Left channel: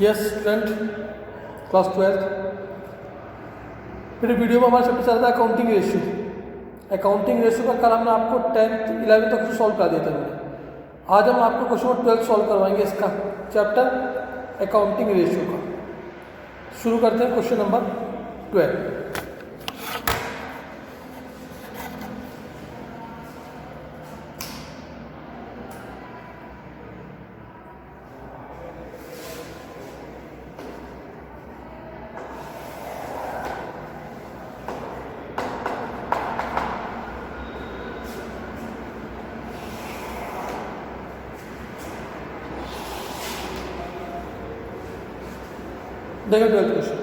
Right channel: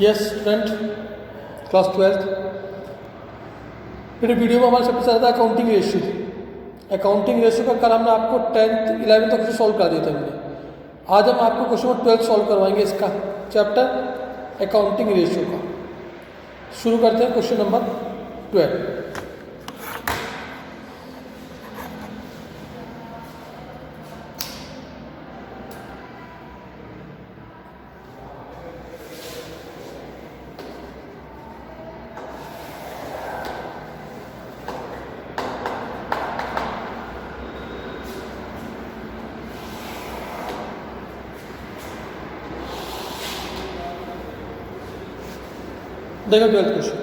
Yes student class 12 मेरे video में हमारे सबसे ज़्यादा अकाउंटिंग रेशियो का कल हमने आपको 10th 11th तक सॉल्व कर दिया था हमने। आज हम आपको क्वेश्चन नंबर 12 सॉल्व करवाएंगे इसका चैप्टर अकाउंटिंग रेशियो का। शुरू करते हैं क्वेश्चन नंबर 12। देखो 12th क्वेश्चन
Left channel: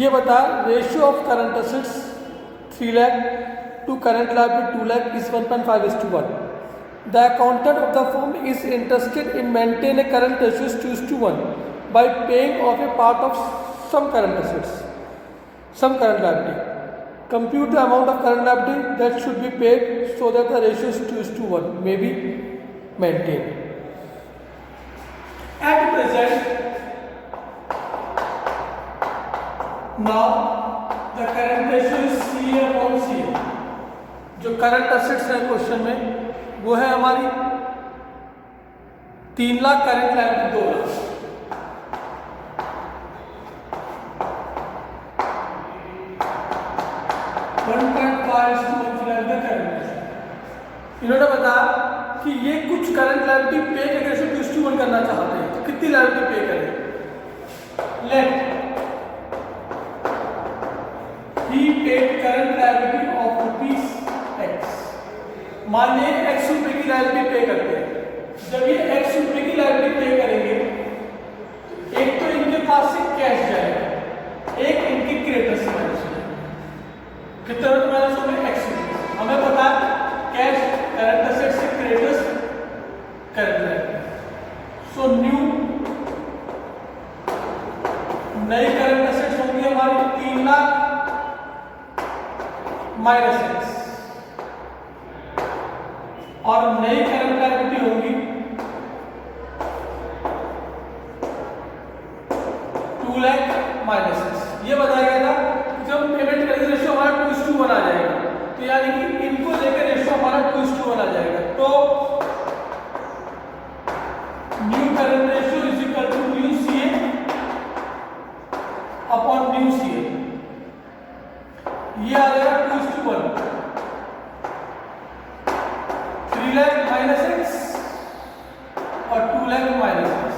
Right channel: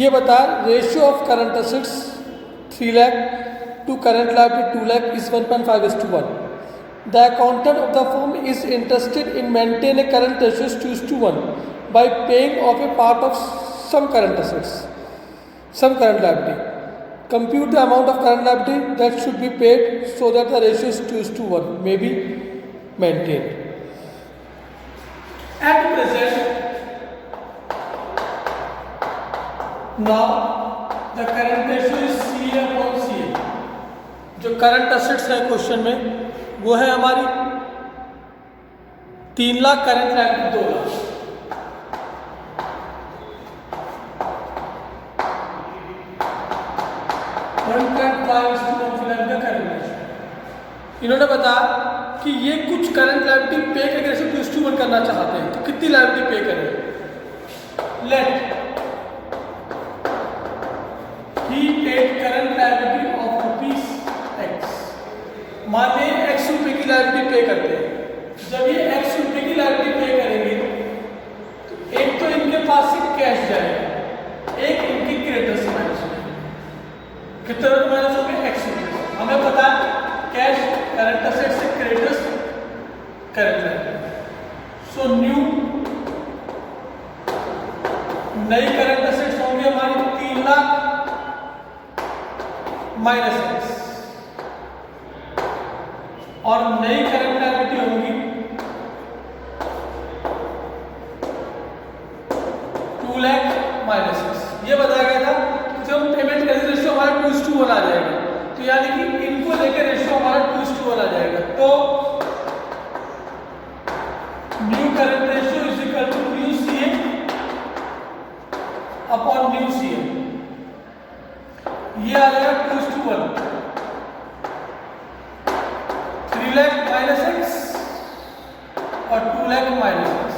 ये बता ratio of current assets 3 lakh to current liability 2 lakh is 1.5:1। The accountant of the firm is interested in maintain a current ratio 2:1 by paying off a part of some current assets some current liability. Compute the amount of current liability that should be paid so that the ratio is 2:1 may be maintain. At present now the current ratio is CA upon CA। जो current assets है question में वो है हमारी 3 lakh, current liability 2 lakh. इन्होंने बताया कि ये कुछ करंट लायबिलिटी पे करके से 2:1 करना चाहते हैं, तो कितनी लायबिलिटी पे करें। Let he paid current liability of ₹X। मान लें X रुपए की लायबिलिटी पे करते हैं। जब ये X रुपए की लायबिलिटी पे करेंगे तो एक तो इनके पास से कैश जाएगा, एक इनकी क्रेडिटर्स माइनस होगी। कितना माइनस हो गया X रुपए। हमें पता है कैश करंट असेट्स से creditors current liability. So new नई करंट असेट्स होंगे हमारे 3 लाख माइनस X, और नई करंट लायबिलिटी होगी 2 लाख माइनस X। ये बताया गया था जब हम पेमेंट करेंगे रेशियो हमारा 2:1 आ जाएगा, तो यानी कि इनको लेकर रेशियो हमारा 2:1 आ जाएगा। तो new current ratio is equal to new CA upon new CA। ये आ जाएगा 2:1। 3 लाख माइनस X और 2 लाख माइनस X।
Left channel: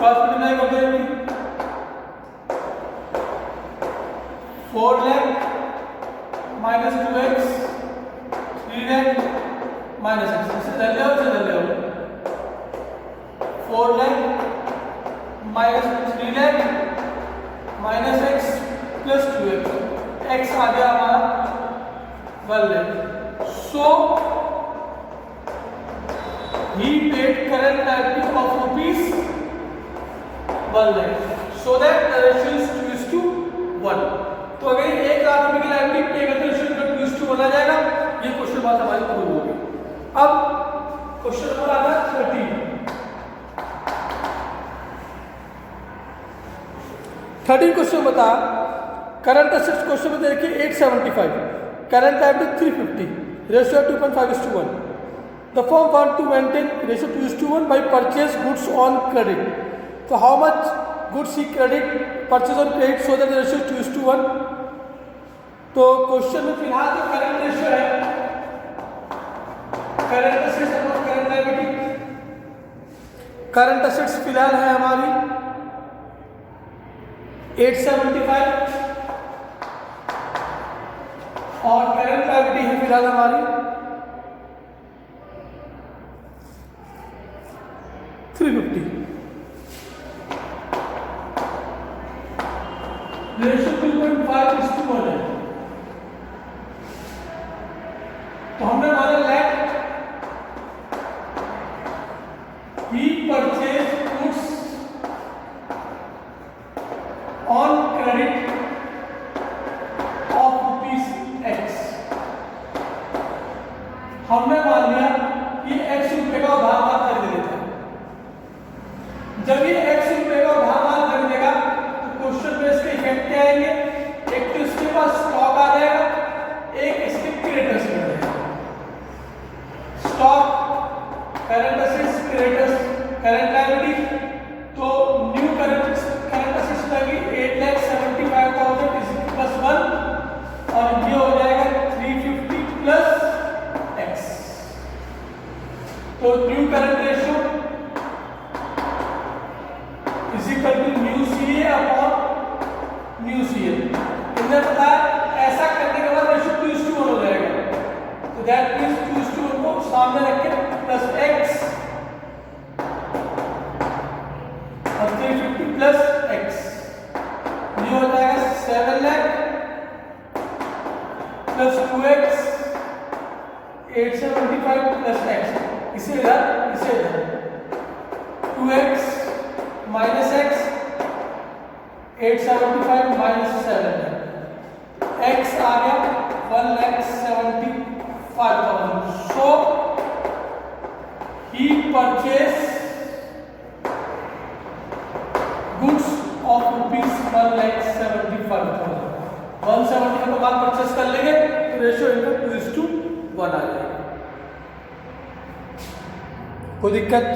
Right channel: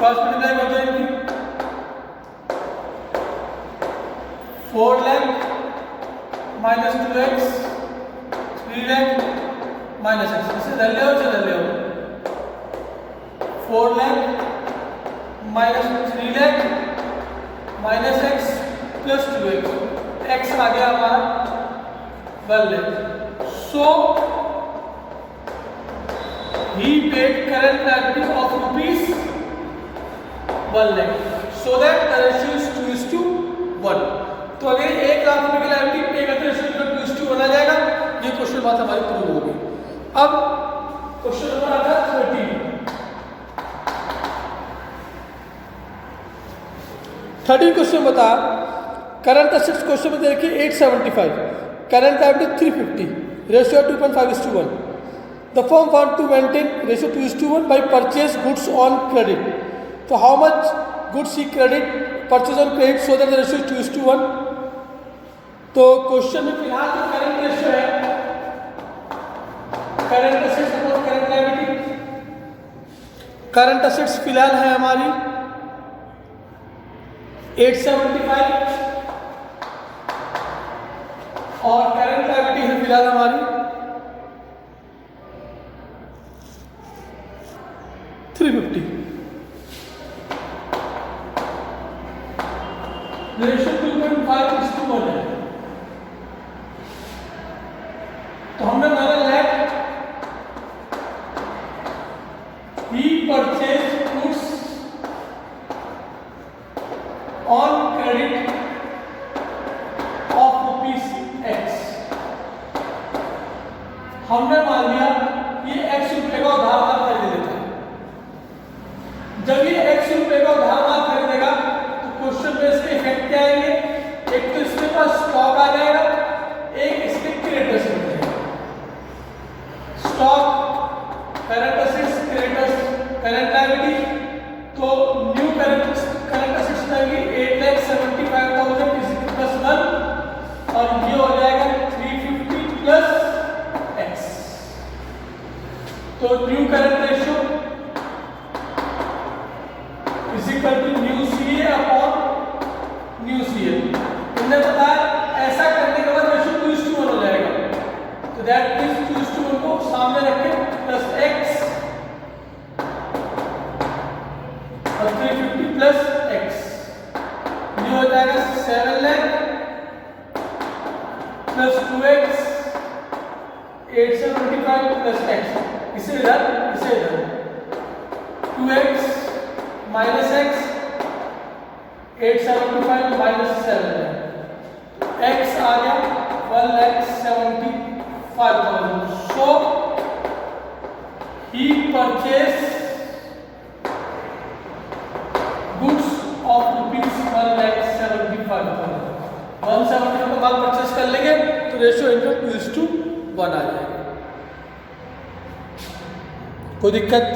कितना हो जाएगी 4 lakh minus 2X 3 lakh minus X। इसे ले लो 4 lakh minus 3 lakh minus X plus 2X। X आ गया हमारा 1 लाख। सो he paid current liability of ₹1 lakh so that the ratio is 2:1। तो अगर 1 लाख रुपए की लायबिलिटी पे करते रेशियो 2:1 आ जाएगा। ये क्वेश्चन बात हमारी प्रूव होगी। अब क्वेश्चन नंबर आता है 13 क्वेश्चन बता करंट असेट्स क्वेश्चन में देखिए 875, current liability 350, ratio 2.5:1। The firm want to maintain ratio 2:1 by purchase goods on credit. तो how much goods he credit purchase on credit so that the ratio 2:1। तो question में फिलहाल जो current ratio है current assets upon current liability, current assets फिलहाल है हमारी 875 और करंट लायबिलिटी है फिलहाल हमारी 350। रेशियो 2.5:1 है। तो हमने माना let he purchase goods on credit of ₹X। हमने मान लिया कि X रुपए का उधार खरीद लेता है। जब ये current assets creditors current liability, तो न्यू करंट असेट्स रहेगी 8,75,000 प्लस 1 और ये हो जाएगा 350 प्लस x। तो new current ratio is equal to new C A upon new C L. इन्हें बताया ऐसा करने के बाद रेशियो 2:1 हो जाएगा, तो दैट मींस 2:1 को सामने रख के प्लस x और 350 प्लस x, ये हो जाएगा 7 lakh plus 2x 875 plus x। इसे इधर 2x minus x 875 minus 7 x आ गया 1,75,000। सो ही परचेज गुड्स ऑफ ₹1,75,000। 170 का माल परचेस कर लेंगे तो रेशियो इनका 2:1 आ जाएगा। कोई दिक्कत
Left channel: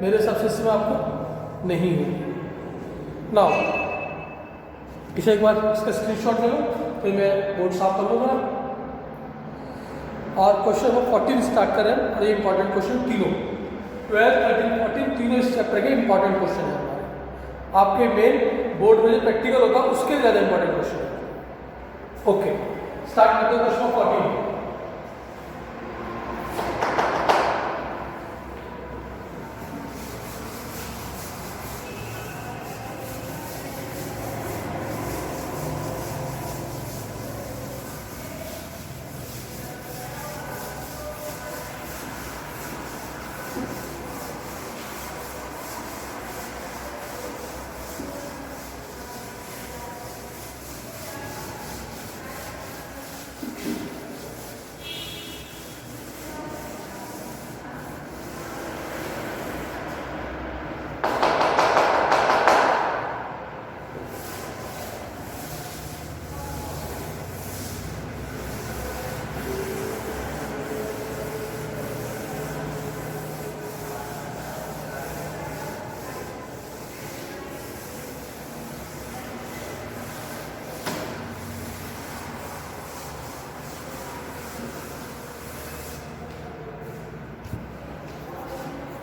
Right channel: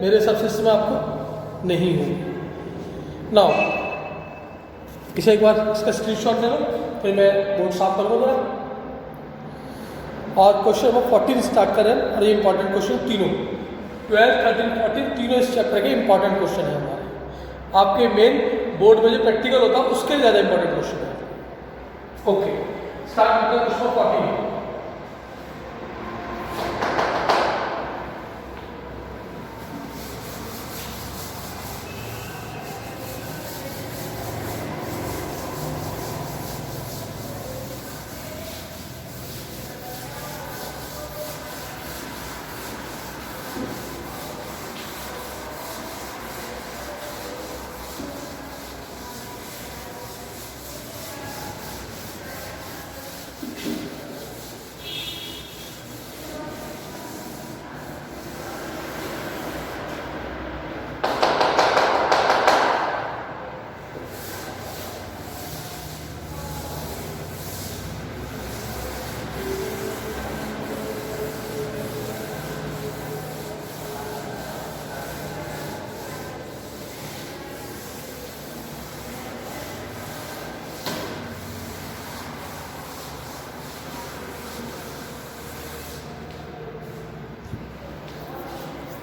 मेरे हिसाब से इसमें आपको नहीं होगी। नाउ इसे एक बार इसका स्क्रीनशॉट ले लो, फिर मैं बोर्ड साफ कर लूँगा। और क्वेश्चन नंबर 14 स्टार्ट करें, और ये इंपॉर्टेंट क्वेश्चन तीनों 12, 13, 14 तीनों इस चैप्टर के इंपॉर्टेंट क्वेश्चन है हमारे। आपके मेन बोर्ड में जो प्रैक्टिकल होता है उसके ज़्यादा इंपॉर्टेंट क्वेश्चन है। ओके, स्टार्ट करते हैं question 14।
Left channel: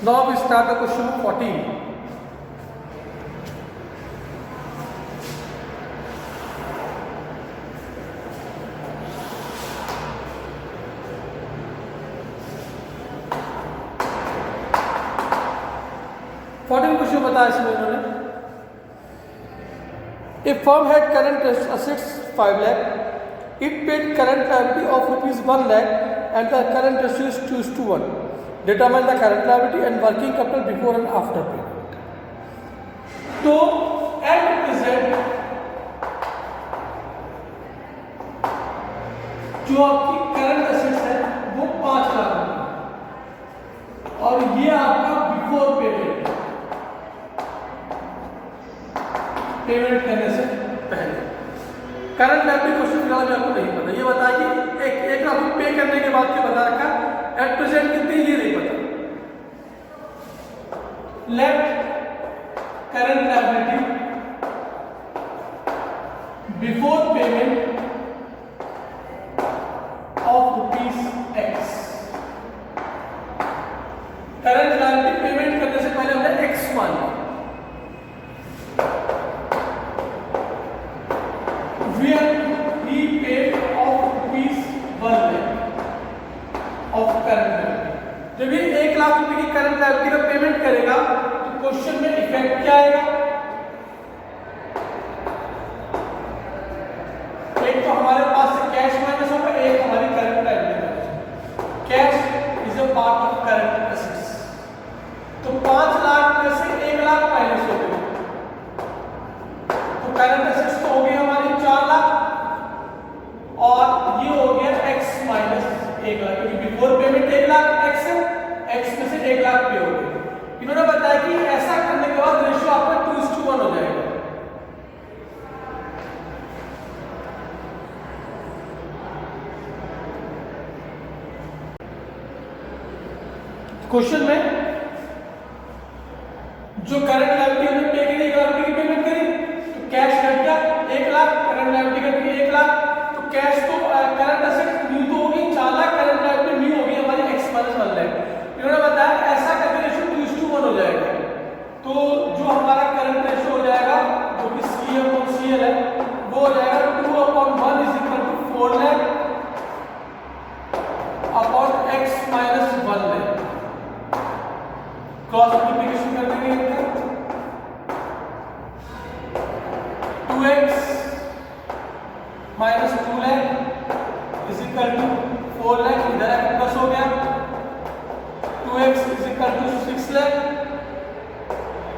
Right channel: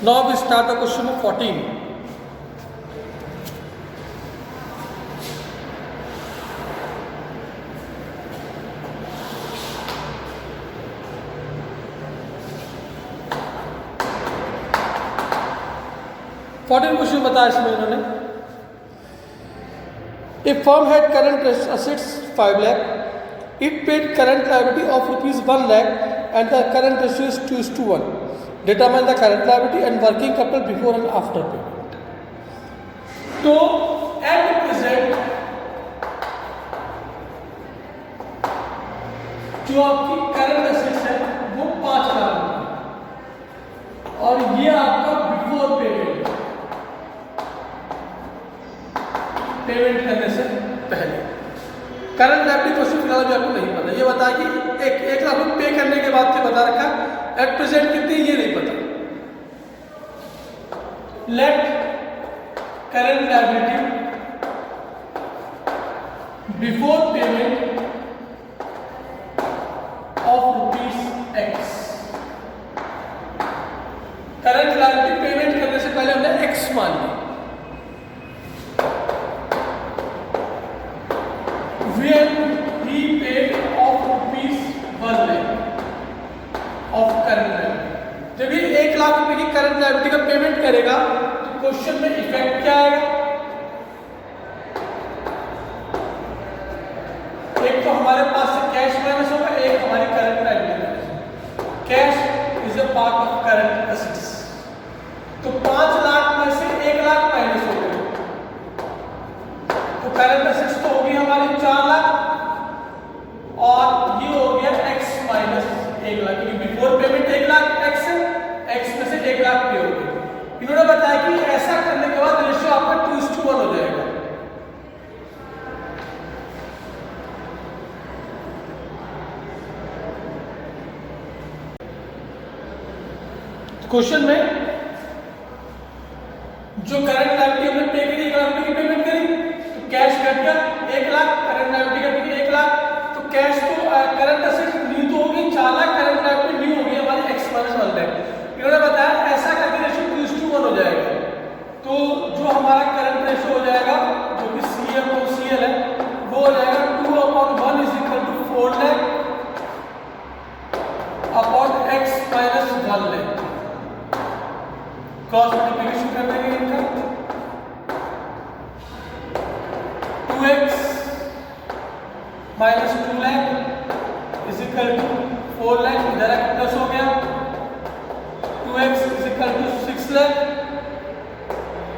Now we start the question of 14. Question बताया इसमें इन्होंने, a firm had current assets 5 lakh, it paid current liability of ₹1 lakh and the current ratio is 2:1. Determine the current liability and working capital before and after payment. तो at present जो आपकी current assets है वो 5 लाख और ये आपका before payment करने से पहले। करंट लायबिलिटी क्वेश्चन फिलहाल भी आपको नहीं पता, ये बता कि 1 लाख पे करने के बाद से बता रखा, एट प्रेजेंट कितने ये नहीं पता। Let current liability before payment of ₹X। Current liability payment करने से पहले हमने X मान लिया। he paid of ₹1 lakh of current liability। जब ये 1 लाख रुपए की करंट लायबिलिटी का पेमेंट करेगा तो क्वेश्चन में इफेक्ट क्या आएगा? एक तो हमारे पास से कैश माइनस होगा, एक हमारी current liability. Cash is a part of current assets, तो 5 लाख में से 1 लाख माइनस हो गए, तो करंट एसेट्स तो हो गई हमारी 4 लाख और ये हो गया X माइनस 1 लाख, क्योंकि बिफोर पेमेंट 1 लाख X में से 1 लाख पे हो गया। इन्होंने बताया कि ऐसा करने के बाद रेशियो आपका 2:1 हो जाएगा। क्वेश्चन में जो करंट लायबिलिटी में पे करी 1 लाख रुपए की पेमेंट करी तो कैश घट गया 1 लाख, करंट लायबिलिटी घट गई 1 लाख, तो कैश तो करंट असेट न्यू तो होगी 4 लाख, करंट लायबिलिटी न्यू होगी हमारी एक्सपेंस बन रहा है। इन्होंने बताया ऐसा करके रेशियो 2:1 हो जाएगा। तो जो हमारा करंट रेशियो हो जाएगा जो कि CA/CL है वो हो जाएगा 2/1 is equal to 4 lakh upon x minus 1 lakh. Cross multiplication कर देंगे इनका 2x minus 2 lakh is equal to 4 lakh, इधर प्लस हो गया 2x is equal to 6 lakh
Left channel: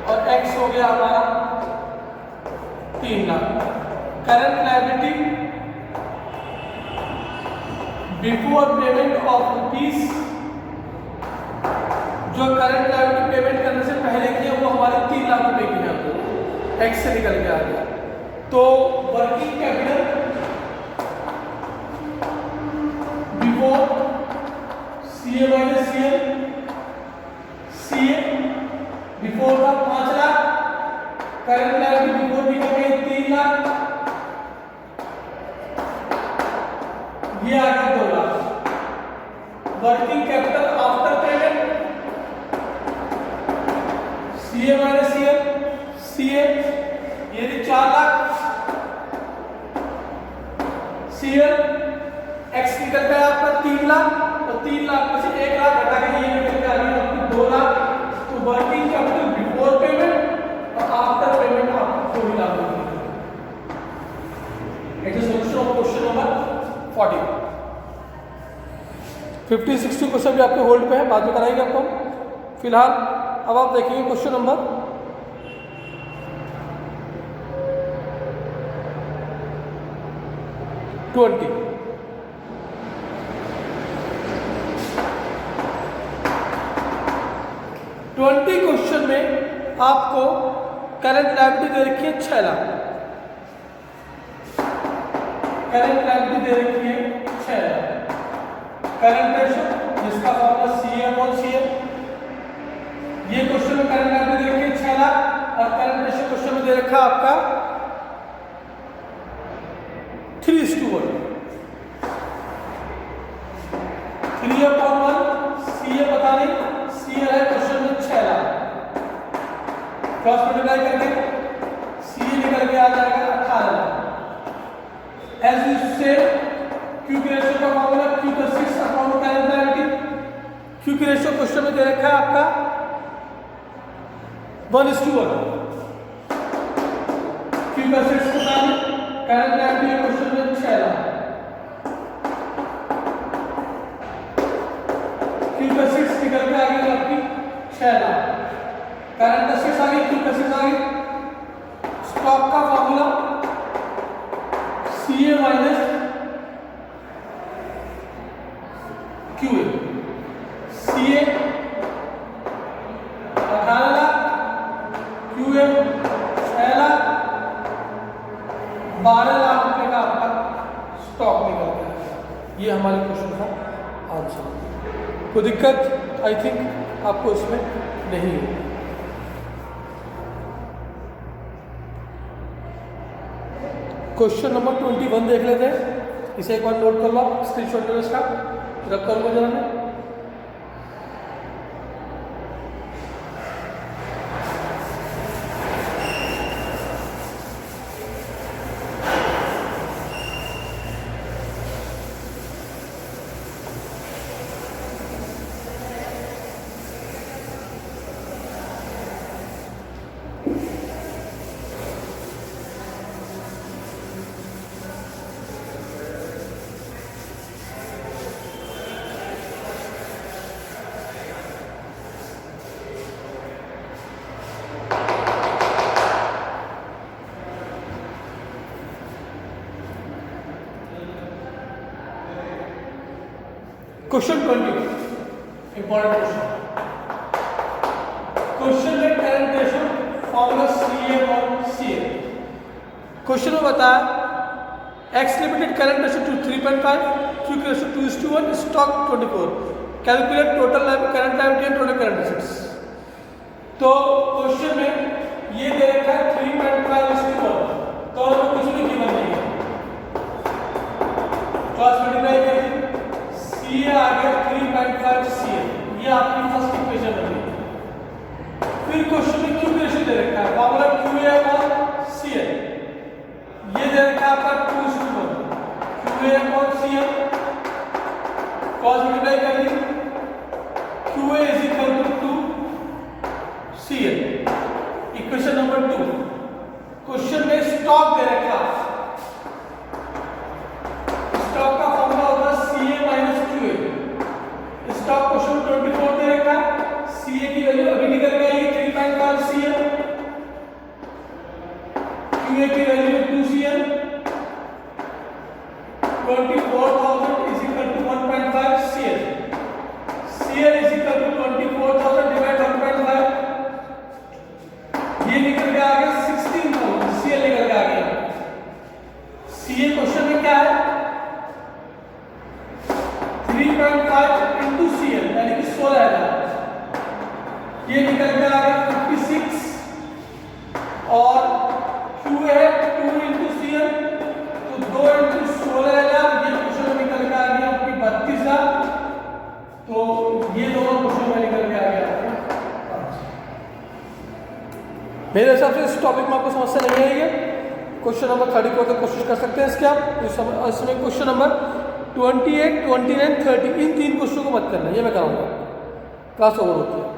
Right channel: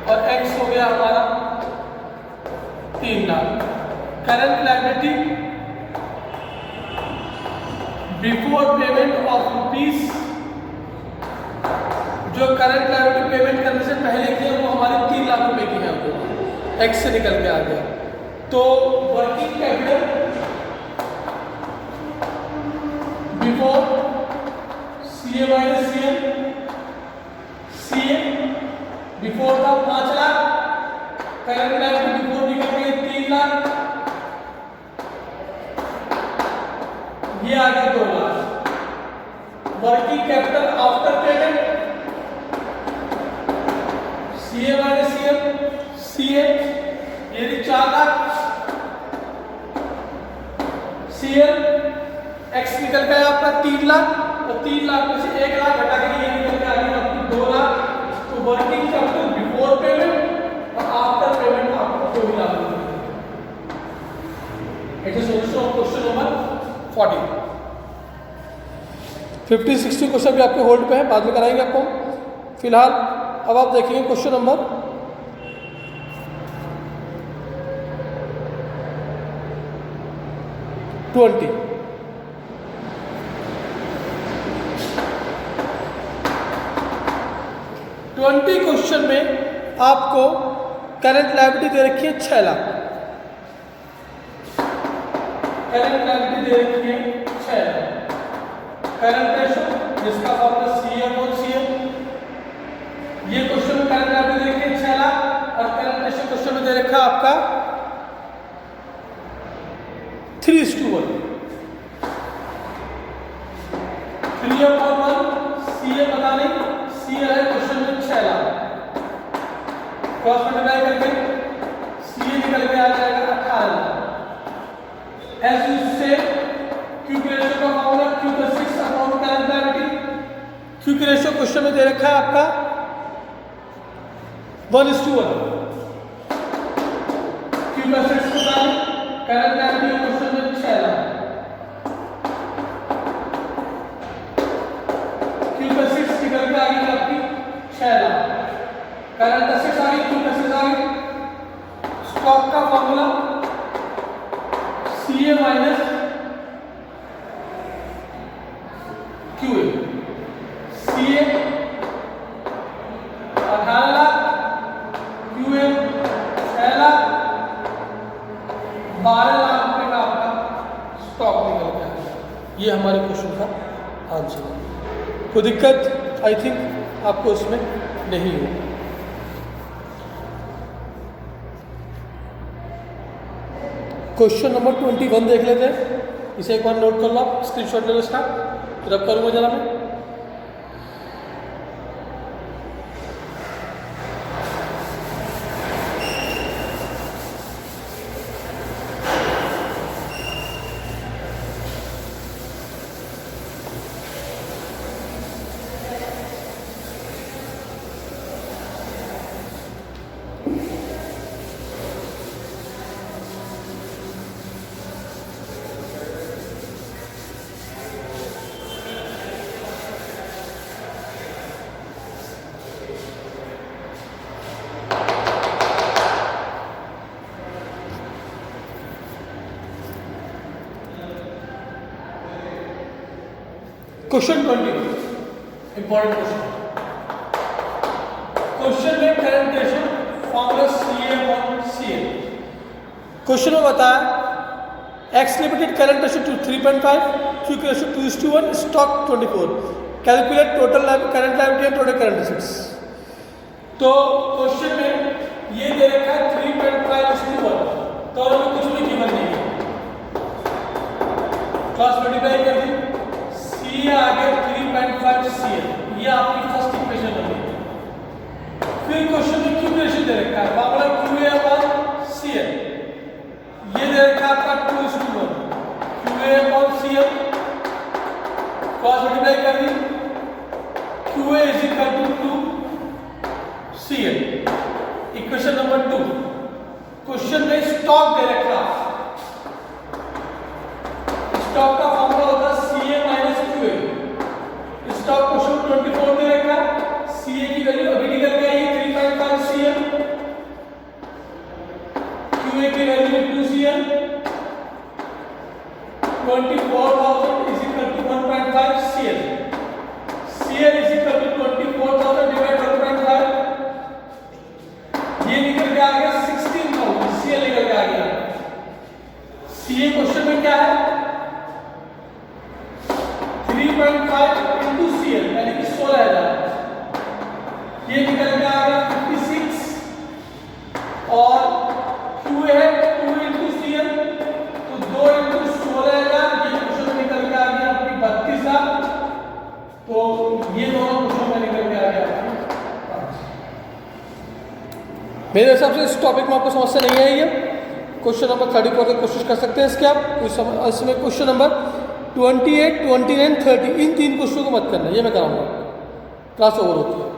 और x हो गया हमारा 3 lakh. Current liability before payment of rupees, जो करंट लायबिलिटी पेमेंट करने से पहले किया वो हमारे 3 लाख रुपए की आ गई, एक्स से निकल के आ गया। तो working capital before CA minus CA before था 5 लाख, करंट लायबिलिटी बिफोर निकल गई 3 लाख, ये आ गया 2 lakh. Working capital after payment CA minus CA ये 4 लाख, CL एक्स निकल गया आपका 3 लाख और 3 लाख में से 1 लाख घटा के ये निकल के आ गया आपको 2 लाख। तो वर्किंग कैपिटल बिफोर पेमेंट और आफ्टर पेमेंट आपको 2 लाख मिलेगा। It is solution of question number 40। 50-60 question भी आपके होल्ड पे है, बाद में कराएंगे आपको। फिलहाल अब आप देखेंगे क्वेश्चन नंबर 20। क्वेश्चन में आपको करंट लायबिलिटी दे रखी है 6 लाख, करंट लायबिलिटी दे रखी है 6 लाख, करंट रेशियो जिसका फॉर्मूला CA/CL, ये क्वेश्चन में करंट लायबिलिटी दे रखी है 6 लाख और करंट रेशियो क्वेश्चन में दे रखा है आपका 3:1। 3/1 CA पता नहीं, CL है क्वेश्चन में 6 लाख, क्रॉस मल्टीप्लाई करके CA निकल के आ जाएगा 18 लाख। एज यू से क्यू की रेशियो का formula Q/6 upon current liability. Q की रेशियो क्वेश्चन में दे रखा है आपका 1:1। Q/6 को डालें, करंट लायबिलिटी क्वेश्चन में 6 लाख, Q/6 निकल के आ गई आपकी 6 लाख, करंट असेट्स आ गई, Q/6 आ गई। स्टॉक का formula CA minus QA। CA 18 lakh, QA 6 lakh, 12 lakh रुपए का आपका स्टॉक निकल गया। ये हमारे क्वेश्चन का आंसर है। कोई दिक्कत आई थिंक आपको इसमें नहीं होगी। क्वेश्चन नंबर 21 देख लेते हैं, इसे एक बार नोट कर लो, स्क्रीनशॉट ले लो इसका, रख करूँगा जरा मैं। क्वेश्चन 20 इंपॉर्टेंट क्वेश्चन में current ratio formula CA/CL। Question में बताया x limited current ratio two 3.5, Q ratio 2:1, stock 24, calculate total current liability and total current assets. तो क्वेश्चन में ये दे रखा है 3.5:1, तो कुछ भी गिवन नहीं है, क्रॉस मल्टीप्लाई कर दी, सी आ गया 3.5 सी, ये आपकी फर्स्ट इक्वेशन है। फिर क्वेश्चन में क्यू रेशियो दे रखा है, फॉर्मूला क्यू ए अपॉन सी है, ये दे रखा है आपका 2:1, क्यू ए अपॉन सी है, क्रॉस मल्टीप्लाई कर दी, Q A is equal to 2 C है। इक्वेशन नंबर 2, क्वेश्चन में स्टॉक दे रखा है, स्टॉक का फॉर्मूला होता है C A minus Q A. Stock question 24 दे रखा है, सी ए की वैल्यू अभी निकल के आई 3.5 सी है, क्यू ए की वैल्यू 2 सी है, 24,000 is equal to 1.5 C L, C L is equal to 24,000 divide 1.5, ये निकल के आ गया 16,000, सी एल निकल के आ गया। सी ए क्वेश्चन में क्या है 3.5 इंटू सी एल यानी कि 16,000, ये निकल के आ गया 56, और क्यू है 2 इंटू सी एल, तो 2 इंटू 16,000, ये क्वेश्चन में निकल के आ गया आपकी 32,000, तो ये दोनों क्वेश्चन में निकल के आ गया आपकी। मेरे हिसाब से इस टॉपिक में आपको समस्या नहीं आएगी। क्वेश्चन नंबर 34 तक कोशिश कर सकते हैं इसके आप। इसमें क्वेश्चन नंबर 28, 29, 30 इन 3 क्वेश्चनों को मत करना, ये मैं कराऊंगा, क्लास ओवर होती है।